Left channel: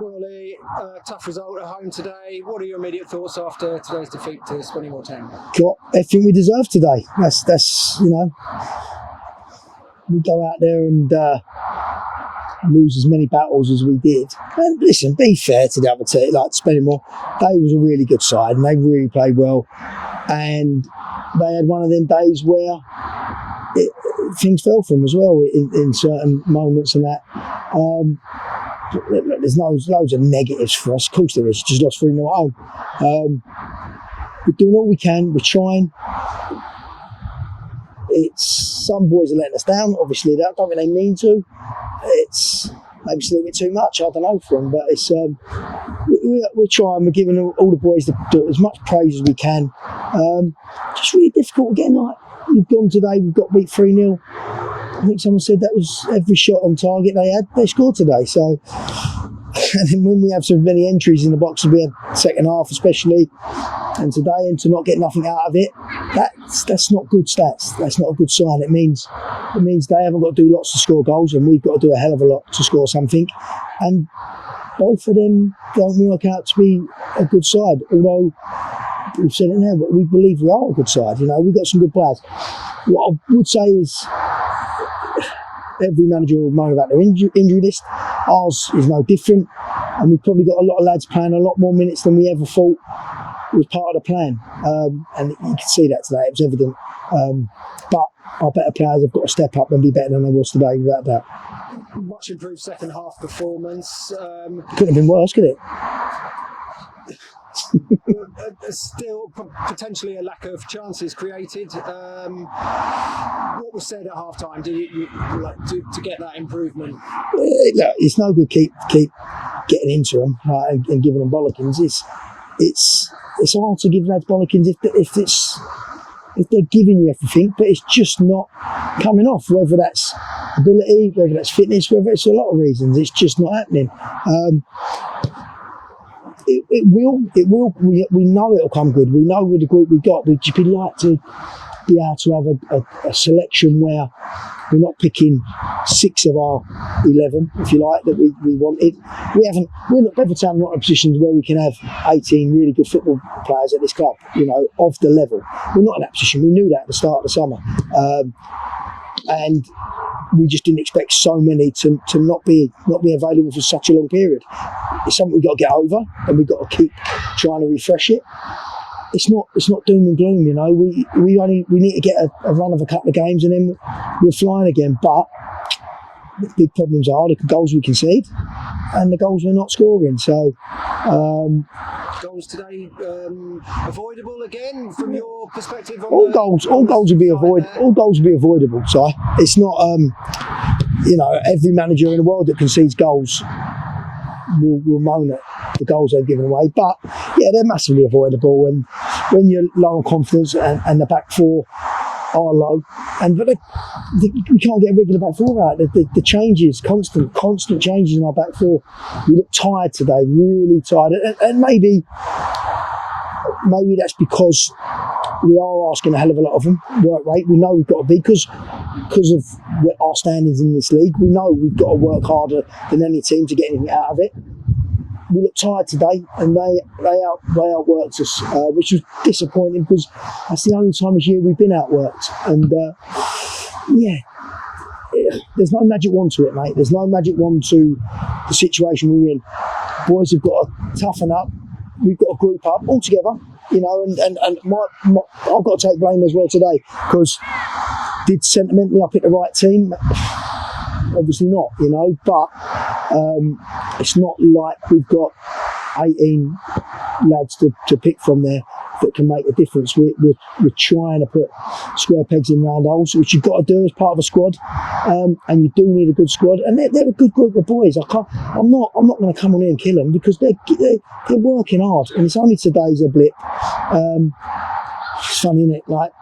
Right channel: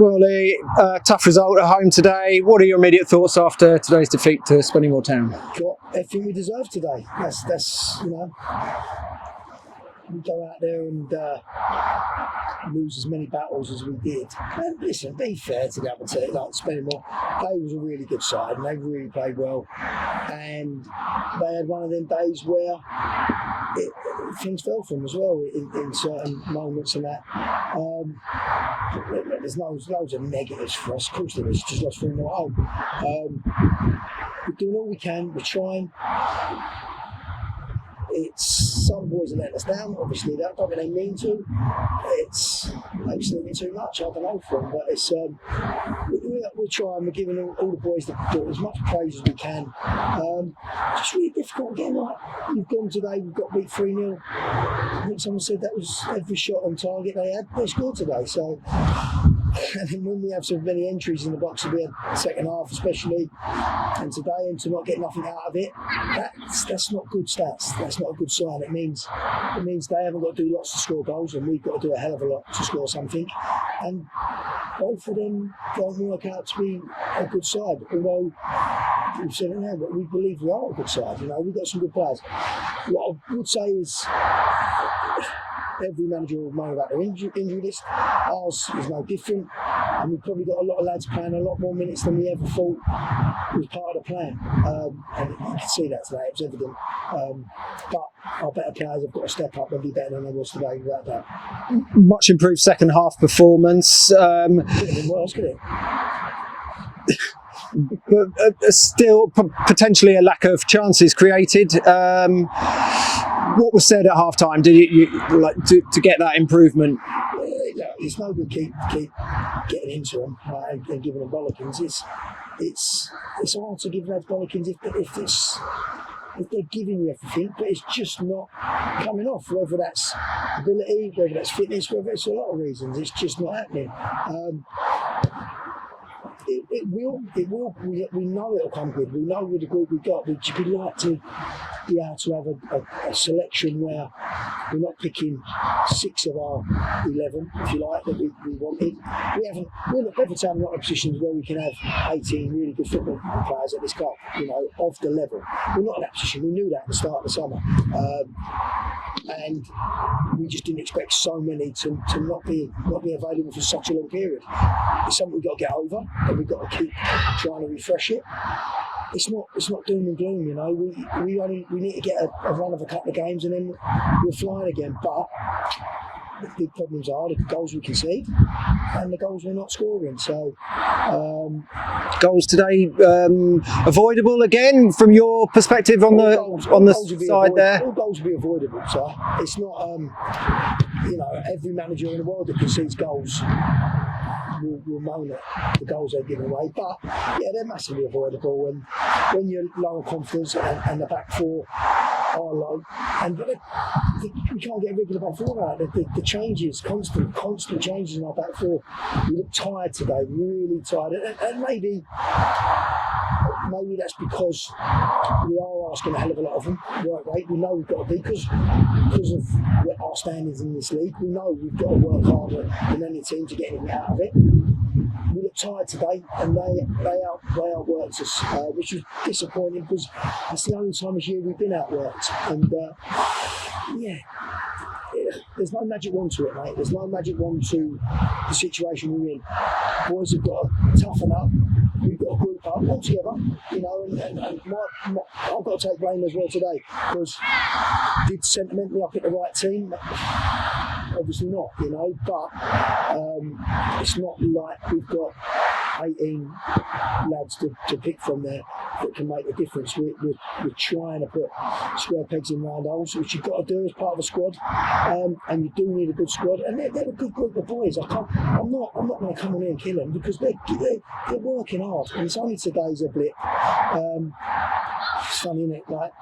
Well, Lee, tough result at home today. What are your immediate thoughts after today's defeat to Spennymoor Town? Got everything we deserve today. That's we go out there and lose as many battles as we did. And listen, be fair to the other team, like Spennymoor, they was a really good side and they really played well. And they had one of them days where things fell for them as well in certain moments and that. There's loads of negatives for us. Of course there is. Just lost 3-0 at home. We're doing all we can. We're trying. It's some boys are letting us down. Obviously, I don't think they mean to. It's maybe still a bit too much. I don't know for them, but it's we're trying. We're giving all the boys as much praise as we can. Just really difficult again. Like you've gone today, we've got beat 3-0. I think someone said that was every shot on target they had. They scored today. So, and then when we have so many entries in the box, we had second half especially, and today, and to not get nothing out of it, that's not good stats. That's not a good sign. It means they haven't got to do lots to score goals, and we've got to do a hell of a lot to score something. And both of them don't work out to be a good side. Although we've said it now, but we believe we are a good side. You know, we've got some good players. What I would say is, every manager will moan about their injury list. Ours is no different, and we've probably got a lot of lads playing a lot more minutes than we ever thought was part of the plan. And you can see that today, it was evident. But our better players have got to step up and be better than they was today, without doubt. Much improved second half performance. Couldn't have been worse, could it? But still potentially a lack of chances created. What was said at half time? Did you like to get that improvement? Look, it's no good keep getting into them and giving them bollockings. It's hard to give lads bollockings if they're giving you everything, but it's just not coming off. Whether that's ability, whether that's fitness, whether it's a lot of reasons, it's just not happening. It will. We know it'll come good. We know with the group we've got, we'd just like to be able to have a selection where we're not picking 6 of our 11, if you like, that we wanted. We're not, Bedford Town, not in a position where we can have 18 really good football players at this club, you know, of the level. We're not in that position. We knew that at the start of the summer. And we just didn't expect so many to not be available for such a long period. It's something we've got to get over, and we've got to keep trying to refresh it. It's not doom and gloom, you know. We need to get a run of a couple of games and then we're flying again. But the big problems are the goals we concede and the goals we're not scoring. So goals today avoidable again from your perspective on all goals will be avoidable. All goals will be avoidable. So it's not you know, every manager in the world that concedes goals will moan at the goals they've given away, but yeah, they're massively avoidable. And when you're low on confidence and the back four are low, but we can't get a regular back four out. The changes, constant changes in our back four. We look tired today, really tired, and maybe that's because we are asking a hell of a lot of them. Work rate, we know we've got to be, because of our standings in this league. We know we've got to work harder than any team to get anything out of it. We look tired today, and they outworked us, which was disappointing because that's the only time this year we've been outworked. And yeah, there's no magic wand to it, mate. There's no magic wand to the situation we're in. Boys have got to toughen up. We've got to group up all together, you know, and I've got to take blame as well today, because did sentimentally I pick the right team? Obviously not, you know, but it's not like we've got 18 lads to pick from there that can make a difference. We're trying to put square pegs in round holes, which you've got to do as part of a squad, and you do need a good squad. And they're a good group of boys. I'm not going to come on here and kill them, because they're working hard, and it's only today's a blip. It's funny, isn't it? Like,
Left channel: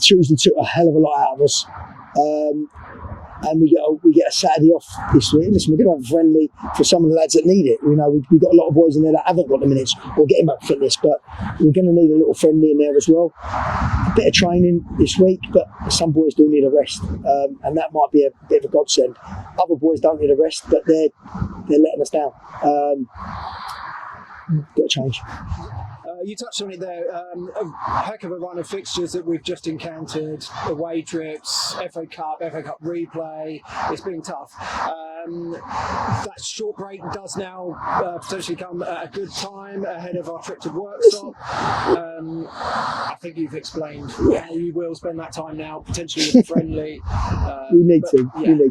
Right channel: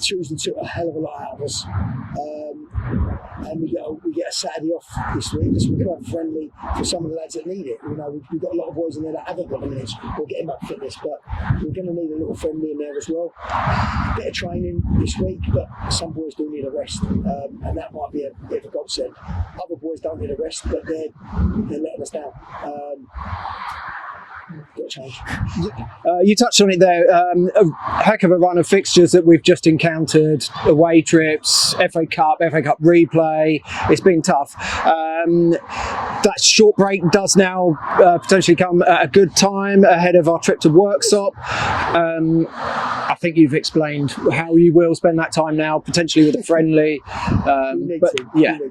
Tuesday took a hell of a lot out of us. and we get a Saturday off this week. Listen, we're going to have a friendly for some of the lads that need it. You know, we've got a lot of boys in there that haven't got the minutes or getting back fitness, but we're going to need a little friendly in there as well. A bit of training this week, but some boys do need a rest, and that might be a bit of a godsend. Other boys don't need a rest, but they're letting us down. Got to change. You touched on it there. A heck of a run of fixtures that we've just encountered. Away trips, FA Cup replay. It's been tough. That short break does now potentially come at a good time ahead of our trip to Worksop. I think you've explained how you will spend that time now, potentially with a friendly. We need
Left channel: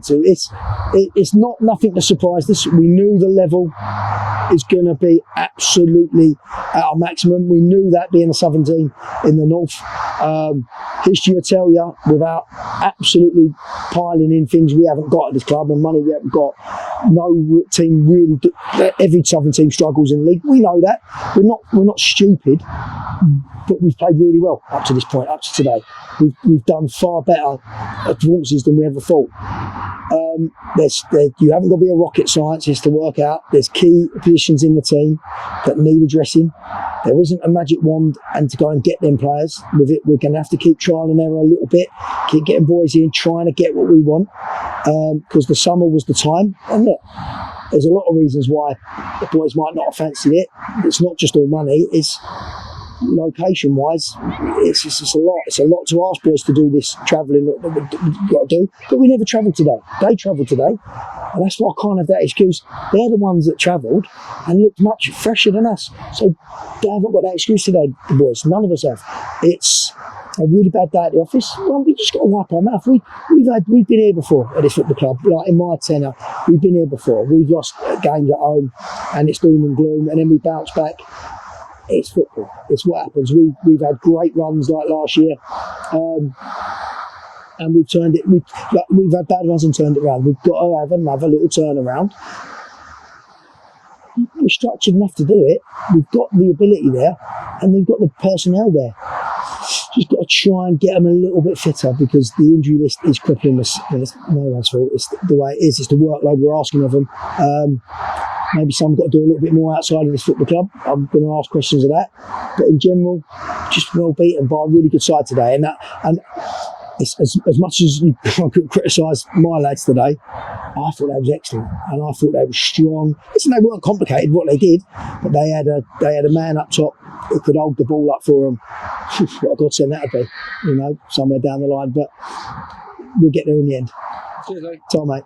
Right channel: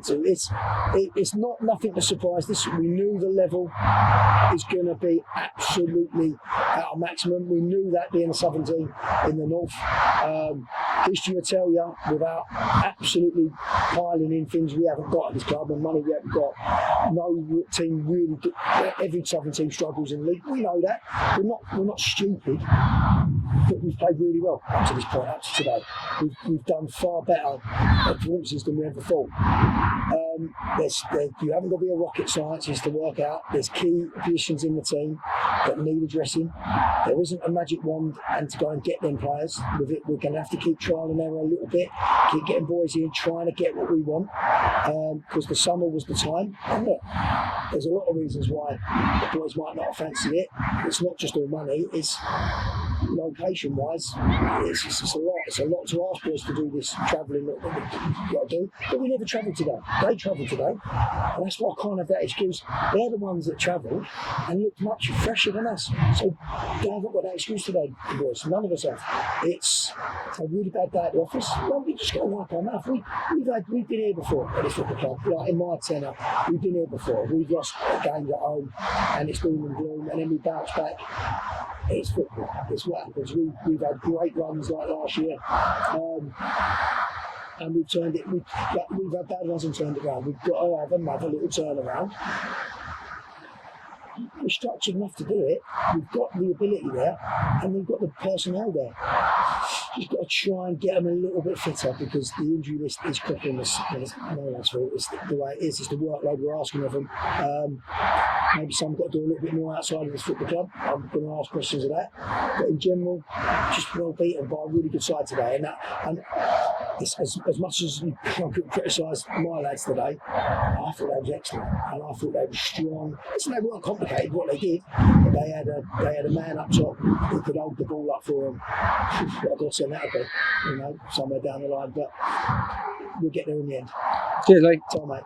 to. It's not nothing to surprise this. We knew the level is going to be absolutely at our maximum. We knew that being a southern team in the north. History will tell you, without absolutely piling in things we haven't got at this club and money we haven't got, no team really. Every southern team struggles in the league. We know that. We're not stupid, but we've played really well up to this point, up to today. We've done far better performances than we ever thought. You haven't got to be a rocket scientist to work out. There's key positions in the team that need addressing. There isn't a magic wand, and to go and get them players with it, we're going to have to keep trial and error a little bit, keep getting boys in, trying to get what we want, because the summer was the time. And look, there's a lot of reasons why the boys might not have fancied it. It's not just all money, it's location wise, it's a lot. It's a lot to ask boys to do this travelling that we've got to do. But we never travelled today. They travelled today, and that's why I can't have that excuse. They're the ones that travelled and looked much fresher than us. So they haven't got that excuse today, the boys. None of us have. It's a really bad day at the office. Well, we just got to wipe our mouth. We've been here before at this football club. Like in my tenure, we've been here before. We've lost games at home, and it's doom and gloom, and then we bounce back. It's football. It's what happens. We've had great runs like last year, and we've turned it. We've had bad runs and turned it around. We've got to have another little turnaround. We're structured enough to do it. We've got the ability there, and we've got the personnel there. Just got to try and get them a little bit fitter, because the injury list is crippling us. It's no one's fault. It's the way it is. It's the workload we're asking of them. Maybe some got to do a little bit more outside of this football club. I'm going to ask questions of that. But in general, just well beaten by a really good side today. And it's, as much as you could criticise my lads today, I thought they was excellent, and I thought they were strong. Listen, they weren't complicated what they did, but they had a man up top who could hold the ball up for them. What a godsend that would be, somewhere down the line. But we'll get there in the end. Cheers, Lee. Tom, mate.